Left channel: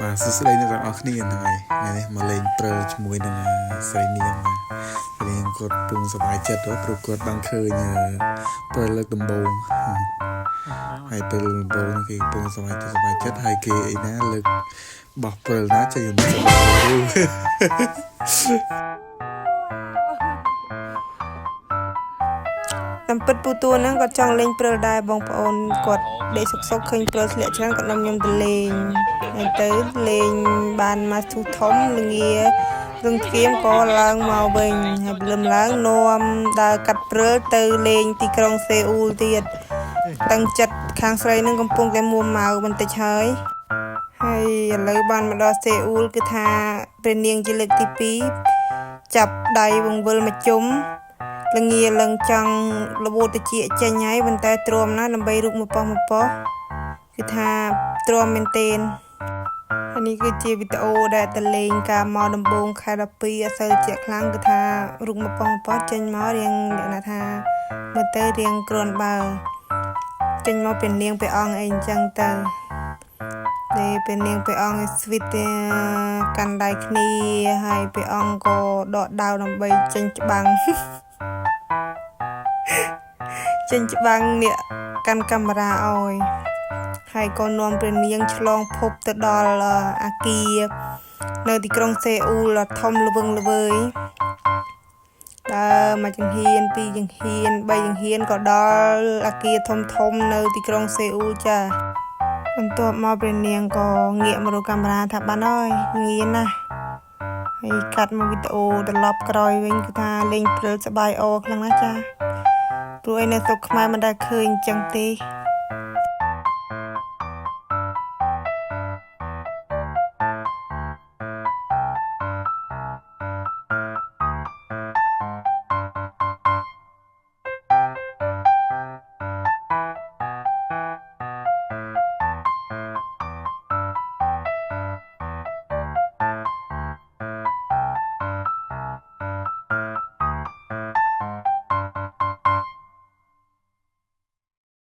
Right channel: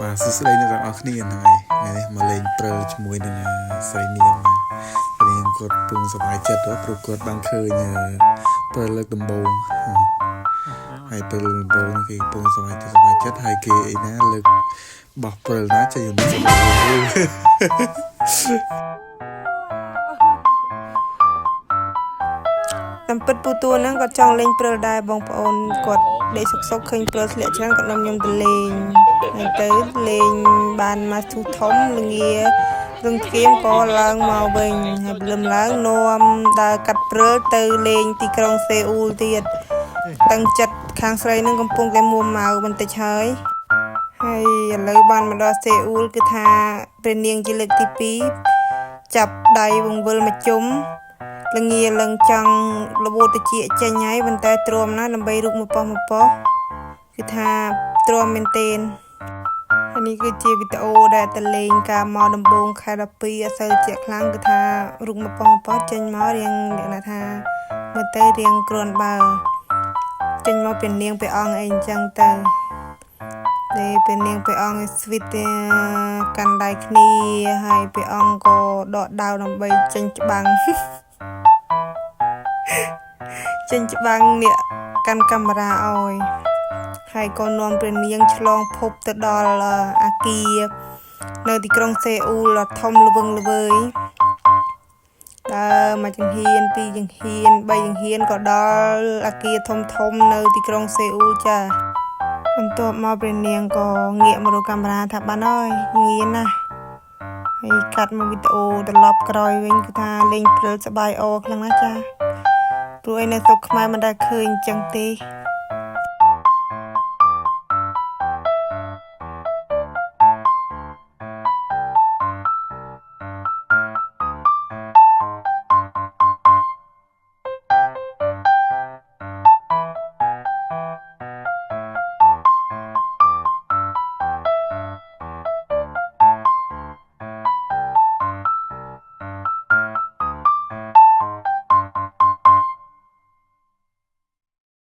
បាទសួស្តីអ្នកទាំងអស់គ្នាហ្នឹងហើយថ្ងៃនេះមកលេងព្រើជាមួយនឹងស្រីនាងបាទស្រីនាងគាត់ពងសប្បាយចិត្តព្រោះគាត់បានឃើញព្រើលើកដំបូងហើយព្រើលើកដំបូងគេពងសប្បាយចិត្តហើយគេអីណាលើកបោះព្រើណាចេញទៅតាមពិតពូតួហ្នឹងគាត់ចង់លេងព្រើលដែរបងប្អូនគាត់ដេកសុកឃើញព្រើលធ្លាក់ច្រើនគាត់នាំខ្ញុំទៅលេងហើយទៅលេងបានមកធូធំល្ងារឹងធ្គាមក៏ឡើងមកវិញហើយព្រលឹមឡើងនាំដើរកាត់ព្រើលទៅលេងទីក្រុងសេអ៊ូលទៀតតាំងចិត្តខាងស្រីនឹងកំពុងតែមួម៉ៅបន្តិចហើយឥឡូវបានមកដល់សេអ៊ូលគឺថាព្រះនាងជាលើកទី2ចាប់ដៃវង្វិលមកជុំល្ងាឡើងចង់លបូតតិចចេញហើយប៉ុន្តែទ្រាំណាស់ដើម្បីរូបមកប៉ោះគឺថាទ្រាំមែនទែនហើយនេះគឺជាវីដេអូដែលតលេងការមកដំបូងខែ12អត់សូវជាក់ខ្លាំងគឺថារូបមកប៉ោះចេញមករៀងលក្ខណៈថាមើលទៅរៀងគ្រាន់បើចេញមកเป็นនាងព្រះអង្គអីអញ្ចឹងទៅពេលនាងព្រះអង្គស្វីតកាន់ដៃគ្នាហើយព្រះអង្គក៏ដកដាវដើម្បីចេញច្បាំងចេញច្បាំងនេះកាន់កាមេរ៉ាអើយហើយក៏នាំព្រះនាងឆ្លងភពទៅដល់អាគារនៅទីក្រុងសេអ៊ូលធំល្វឹងល្វើយដើរមួយចង្ហៀនពីរចង្ហៀនបីចង្ហៀនក៏ដល់អាគារធំនៅទីក្រុងសេអ៊ូលចាបន្ទាប់មកព្រះនាងក៏ងាកមករកកាមេរ៉ាថាបានហើយងៀនណាស់ហើយកាត់មកវីដេអូត្រឡប់ក្រោយវិញគឺថាលេងព្រិលសបាយអខ្លាំងណាស់ចាព្រោះឯនៅស្រុកខ្មែរមិនដែលឃើញអញ្ចឹងទេ